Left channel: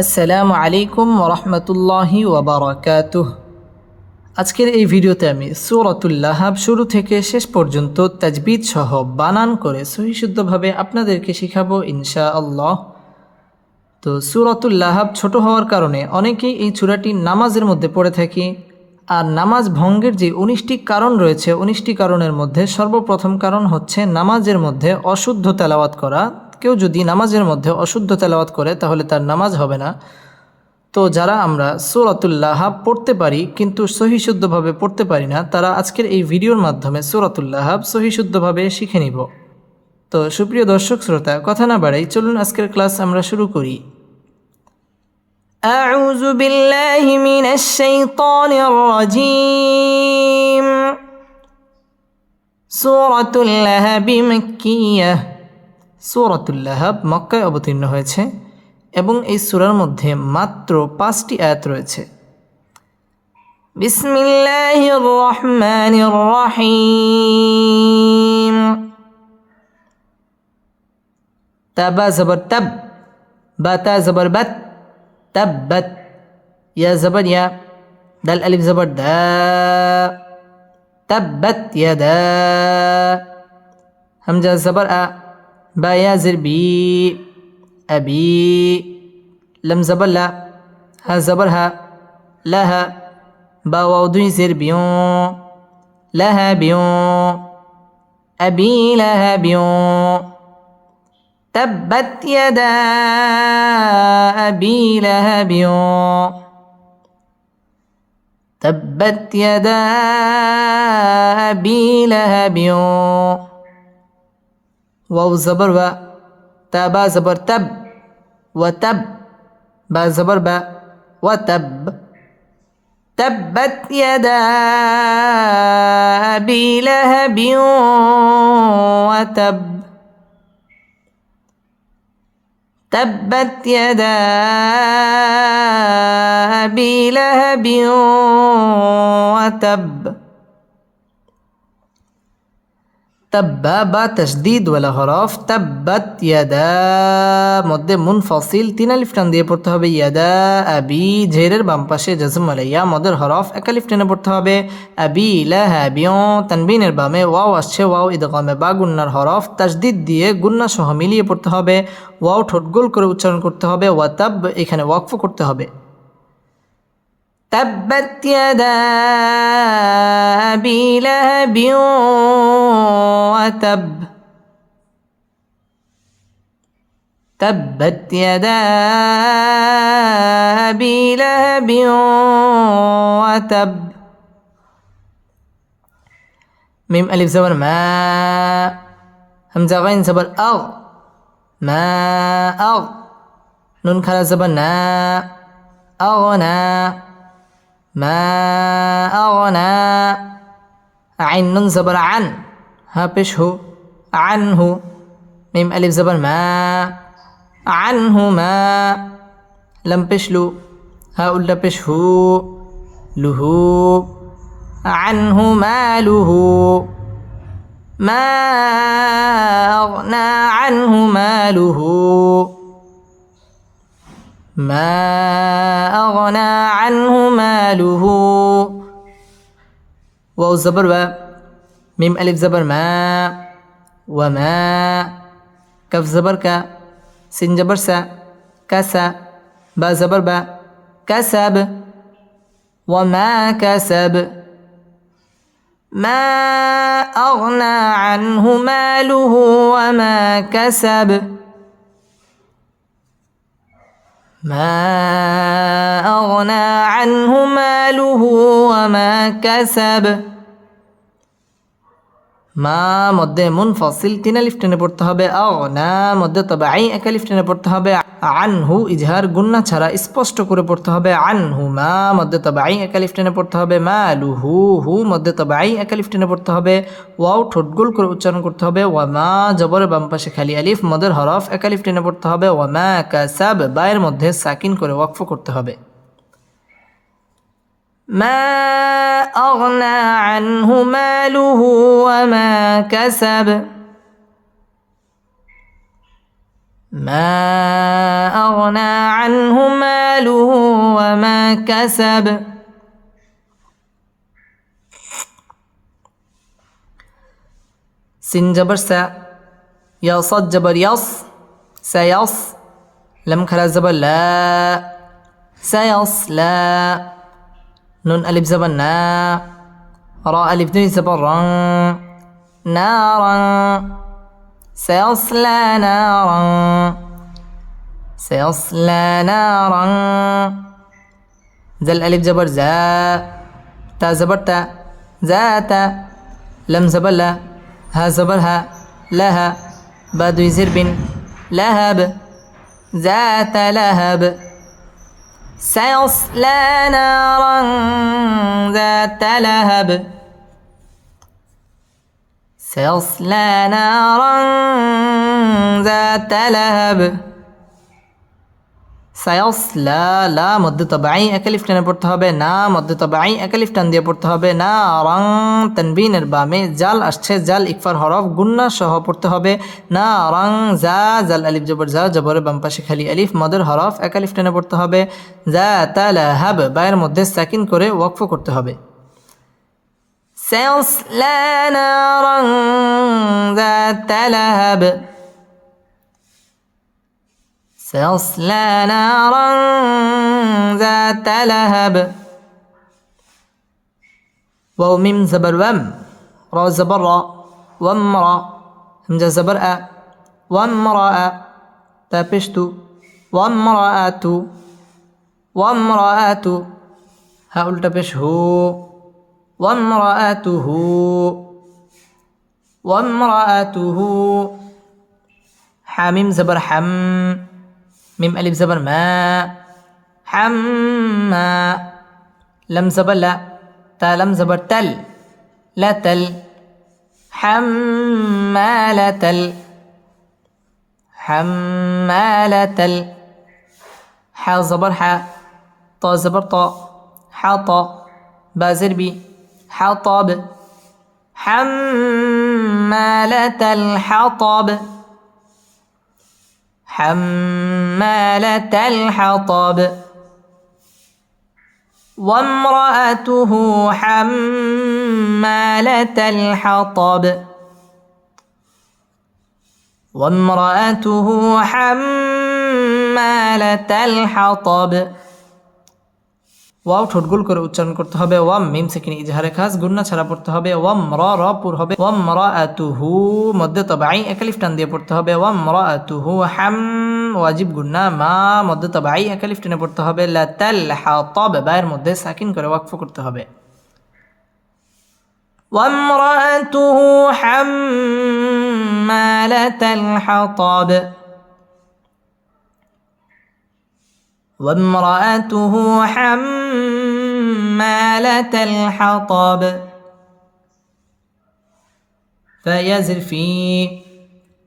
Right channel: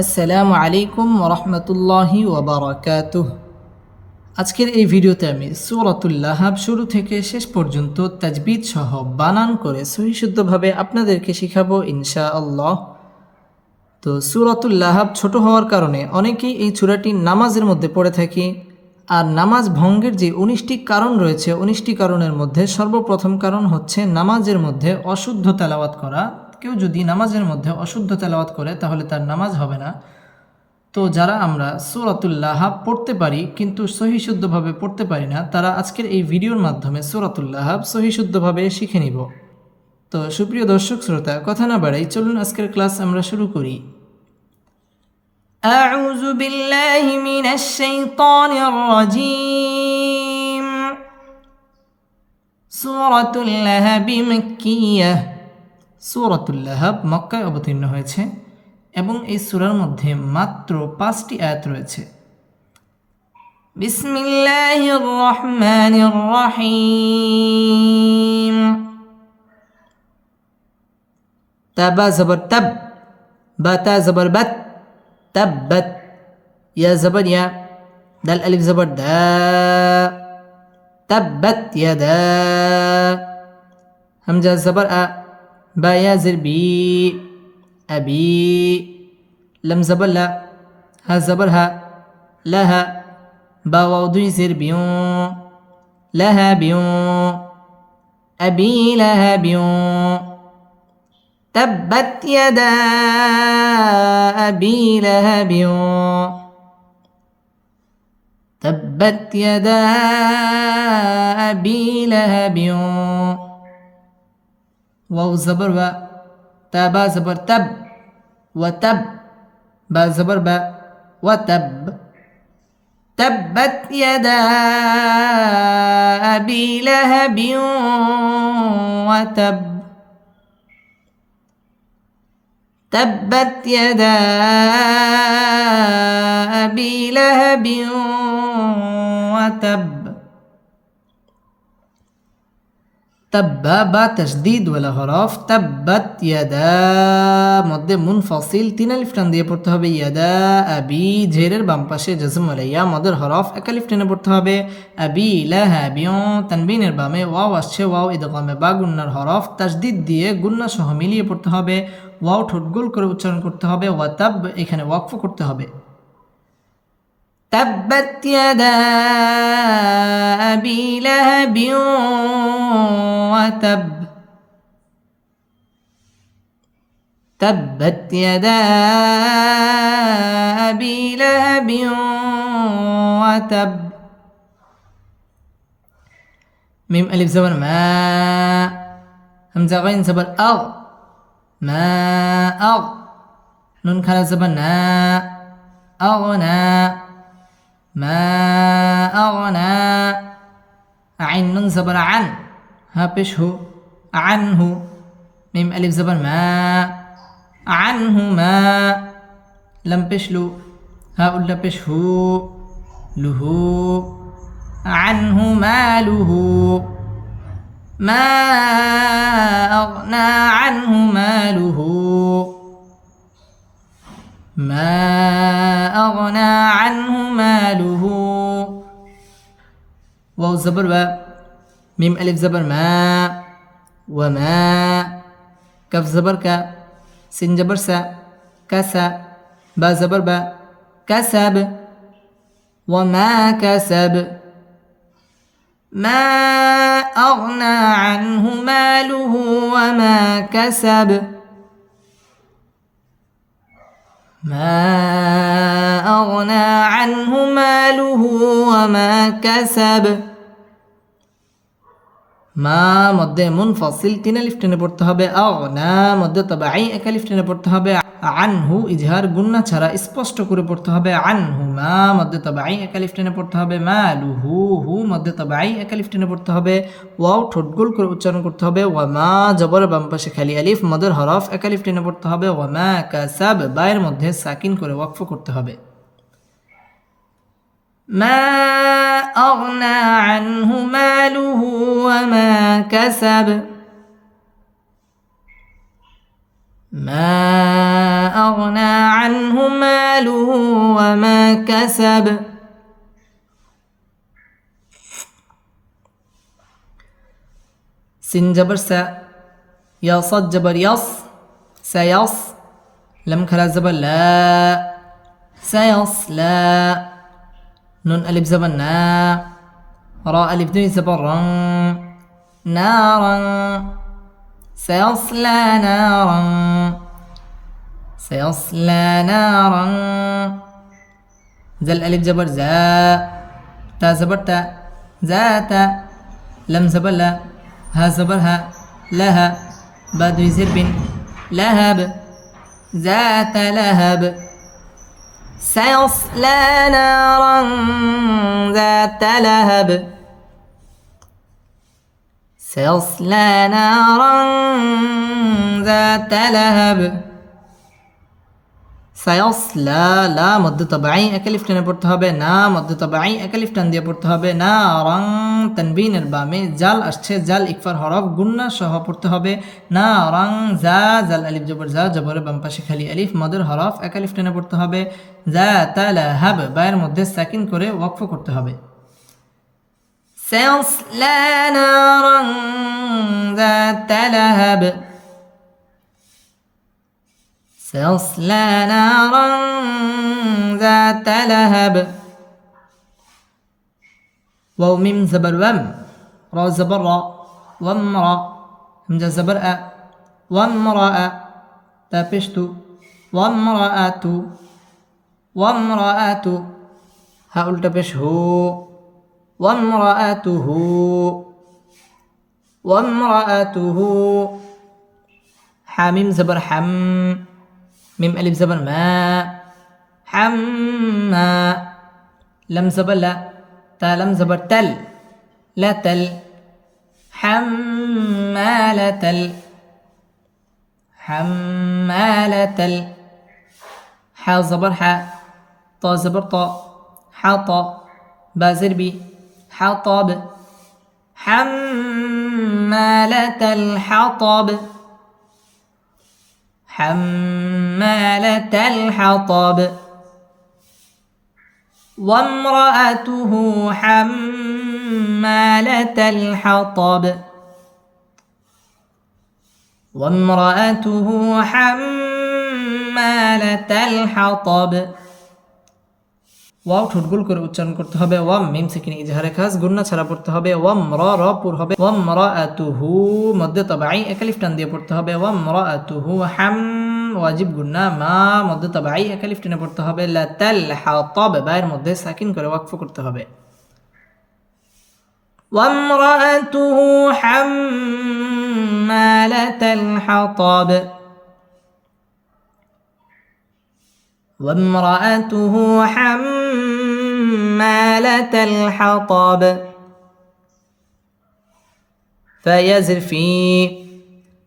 আসসালামু আলাইকুম রহমতুল্লাহি ওবরাকাতুহ। আজকের এই ভিডিওতে আমি সুরতুল্লাহাব শুরু থেকে শেষ পর্যন্ত তাজবিদ সহ বানান করে সহিশুদ্ধভাবে আপনাদেরকে শিখাবো ইনশা আল্লাহ তো সুরতুল্লাহাব ছোট হওয়ার কারণে অনেকেই এই চূড়াটি নামাজের মধ্যে পড়ে থাকি আর নামাজ ভঙ্গের যে উনিশটি কারণ রয়েছে, উনিশটি কারণের মধ্যে সর্বপ্রথম কারণ হচ্ছে নামাজের মধ্যে অশুদ্ধ তেলাওয়াত করা। কেউ যদি নামাজের মধ্যে অশুদ্ধ তেলাওয়াত করে তাহলে তার নামাজ হবে না তো যারা আমরা সুরাতুল্লাহাব পড়তে পারি কিন্তু সহিশুদ্ধভাবে পড়তে পারি না তারা আজকের এই ভিডিওর মাধ্যমে সুরাতুল্লাহাব সহিশুদ্ধভাবে শিখে নিব তো সুপ্রিয় দর্শক শ্রোতা কথা না বাড়াই চলুন আজকের ক্লাস আমরা শুরু করি أعوذ بالله من الشيطان الرجيم سورة اللهب مكية সূরাতুল লাহাব মক্কায় অবতীর্ণ হয়েছে এবং এই সূরার মধ্যে মাত্র পাঁচটি আয়াত রয়েছে। বিসমিল্লাহির তাবা জবর তাব ইয়া ইয়া জবর দা, হামজা জবর আ با يا زر بي أبي لم زبر ها زبر ها لها با وضوي زر بيون لها بيون أبي لها بيون. تبت يدا أبي لهب تبت يدا أبي لهب واو زبر و تا با زبر تب وتب با زبر با وتب تبت يدا أبي لهب وتب تبت يدا أبي لهب وتب তাব্বা বা তসদিদ ওয়ালা হরফ তাব্বাত ইয়াদা, মধ্যে মুনফসিল, তিন আলিফটান দিয়ে পড়তে হবে, ইয়াদা আবি, ঝেরের বাম পাশে জজম আলাইয়া, মদের হরফ, এক আলিফ পড়তে হবে, আবি লাহাবিও তানবিনের বামে, ওয়াও আসছে, ওয়াও ইদকমে বা গুন্নার হরফ তাসদিদ দিয়ে গুন্না সহ মিলিয়ে পড়তে হবে, ওয়াও ঠোঁটগোল করে উচ্চারণ করতে হবে, ওয়া ওয়াতাব এখানে ওয়াকফ করতে হবে। তাব্বাত ইয়াদা আবি লাহাবিও وتب تبت يدا أبي لهب وتب. ميم ألف زبر ما. همزة غين زبر أغ. ما أغ. نون كلا زبر نا. أغنى ما أغنى عين نون زبر عن. ها بش هو. عنه. ميم ألف زبر ما. عنه ما. لم بشلو ها أولا بش هو. له عنه ماله. ما أغنى عنه ماله. ما أغنى عنه ماله. واو زبر و. ميم ألف زبر ما وما. كف زبر ك سين زبر سا. كسا با زبر با. كسب وما كسب ما أغنى عنه ماله وما كسب ما أغنى عنه ماله وما كسب মা মধ্যে মুনফসিল তিন আলিফ টেনে পড়তে হবে। আও না মধ্যে তবে আই এক আলিফ টেনে পড়তে হবে। আনহু ইজহার গুন্না ছাড়া স্পষ্ট করে পড়তে হবে। আনহু মা মধ্যে তবে আই এক আলিফ টেনে পড়তে হবে। মা লু হু হু মধ্যে তবে আই এক আলিফ টেনে পড়তে হবে। ওয়াও ঠোঁটগুল করে উচ্চারণ করতে হবে। ওয়া মা জবর বাম পাশে খালি আলিফ, মদের হরফ এক আলিফ টেনে পড়তে হবে। ওয়া মা কাসাব বায়ের মধ্যে সাকিন করে ওয়াকফ করতে হবে। ما أغنى عنه ماله وما كسب. ما أغنى عنه ماله وما كسب. سين جبر سا يا صد جبر يص سيص لم كلا زبر لا سيصلى نون ألف زبر نا. راء ألف دون زبر رن نارا. سيصلى نارا. سيصلى نارا. ذا الألف جبر زا تا زبر تا. ذات لم زبر لا. ها زبر ها. لها بعد زرب لهب ذات لهب سيصلى نارا ذات لهب. سيصلى نارا ذات لهب. সায়সলা লা মধ্যে তবাই একালিফ টেনে পড়তে হবে না মধ্যে তবাই একালিফ টান দিয়ে পড়তে হবে না রং তানবিনের বামে জাল আসছে জাল ইকফার হরফ গুন্না সহ পড়তে হবে না রং জা জাল আলিফ জবর জা জবরের বাম পাশে খালি আলিফ মদের হরফ একালিফ টেনে পড়তে হবে জা তালা হাব বায়ের মধ্যে সাকিন করে ওয়াকফ করতে হবে سيصلى نارا ذات لهب سيصلى نارا ذات لهب. واو ميم زبر وم را زبر را. وامرأ همزة زبر أ. وامرأة تابشت وامرأة وامرأة هؤلاء تبش هو. وامرأته وامرأته حاميم زبر حم. ميم ألف زبر ما. حما. لم زبر لا. تا لم زبر تل. لا تل. حمالة حمالة حا زبر حا طا زبر طا حاطا بازر بي حطب حمالة الحطب حمالة الحطب. وامرأته حمالة الحطب. وامرأته حمالة الحطب. ওয়াও ঠোঁট গোল করে উচ্চারণ করতে হবে ওয়াম মিম সেকিনি ইজহারে খাস গুন্না ছাড়া পড়তে হবে ওয়াম র র পুর হবে ওয়াম র আতুহু মধ্যে তবাই একালিফ টান দিয়ে পড়তে হবে ওয়াম র আতুহু হাম ওয়াজিব গুন্না মা মধ্যে তবাই একালিফ টেনে পড়তে হবে লাতাল হাতাব বায়ের মধ্যে সাকিন করে ওয়াকফ করতে হবে وامرأته حمالة الحطب وامرأته حمالة الحطب فيزر في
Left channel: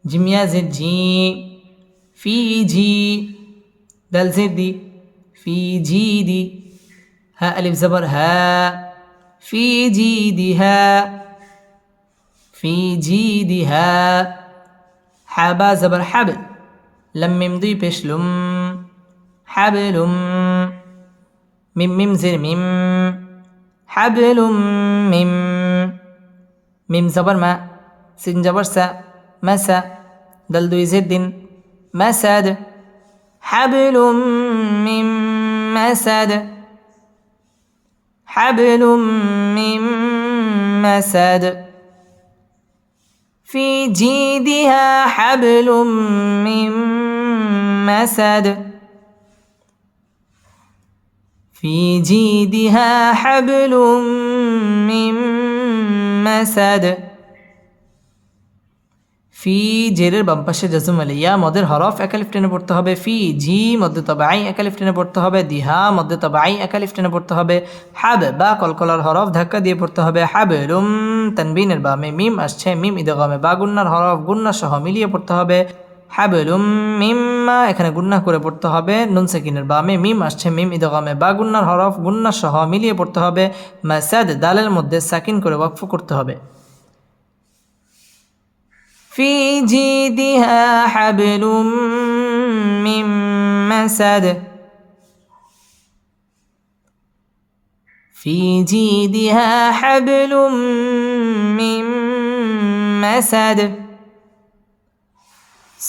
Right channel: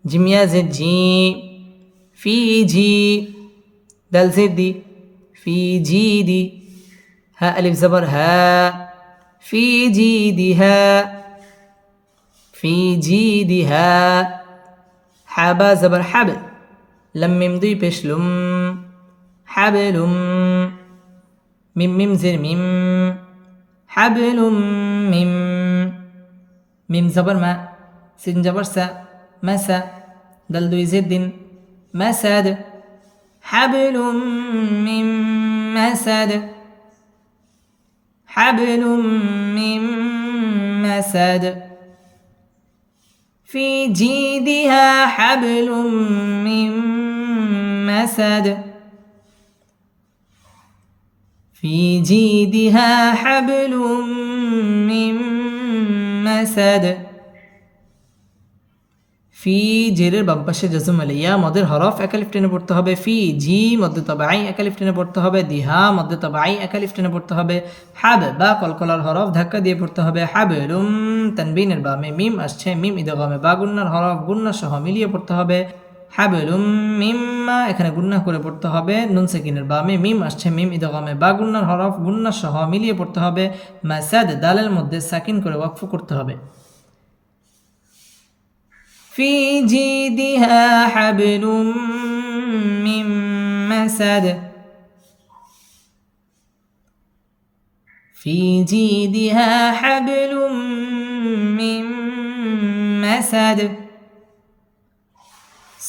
جم يزر جي في جي دل زدي في جيدي ها ألف زبر ها في جيدها في جيدها حبا زبر حب لم يمضي بشلم حبل ميم ميم زر ميم. حبل ميم. ميم زبر ما سين جبر سا مسا دل دوي زد مسد حبل من مسد حبل من مسد في جيدها حبل من مسد في جيدها حبل من مسد ফি জেরের বাম পাশে জাজুম আলিয়া মদের হরফ একালিফ টেনে পড়তে হবে ফি জি মধ্যে তবাই একালিফ টেনে পড়তে হবে দিহা মধ্যে তবাই একালিফ টেনে পড়তে হবে হাব বা কলকলার হরফ ধাক্কা দিয়ে পড়তে হবে হাবে রুম তানবিনের বামে মিম আসছে মিম ইদগামে বা গুন্নার হরফ গুন্না সহ মিলিয়ে পড়তে হবে হাবেলুম মিম্মা, এখানে গুন্না করে পড়তে হবে, নুন সেকিনের বামে মিম আসছে, মিম ইদগামে বা গুন্নার হরফ গুন্না সহ মিলিয়ে পড়তে হবে, মাসাদ দালের মধ্যে সাকিন করে ওয়াকফ করতে হবে। في جيدها حبل من مسد في جيدها حبل من مسد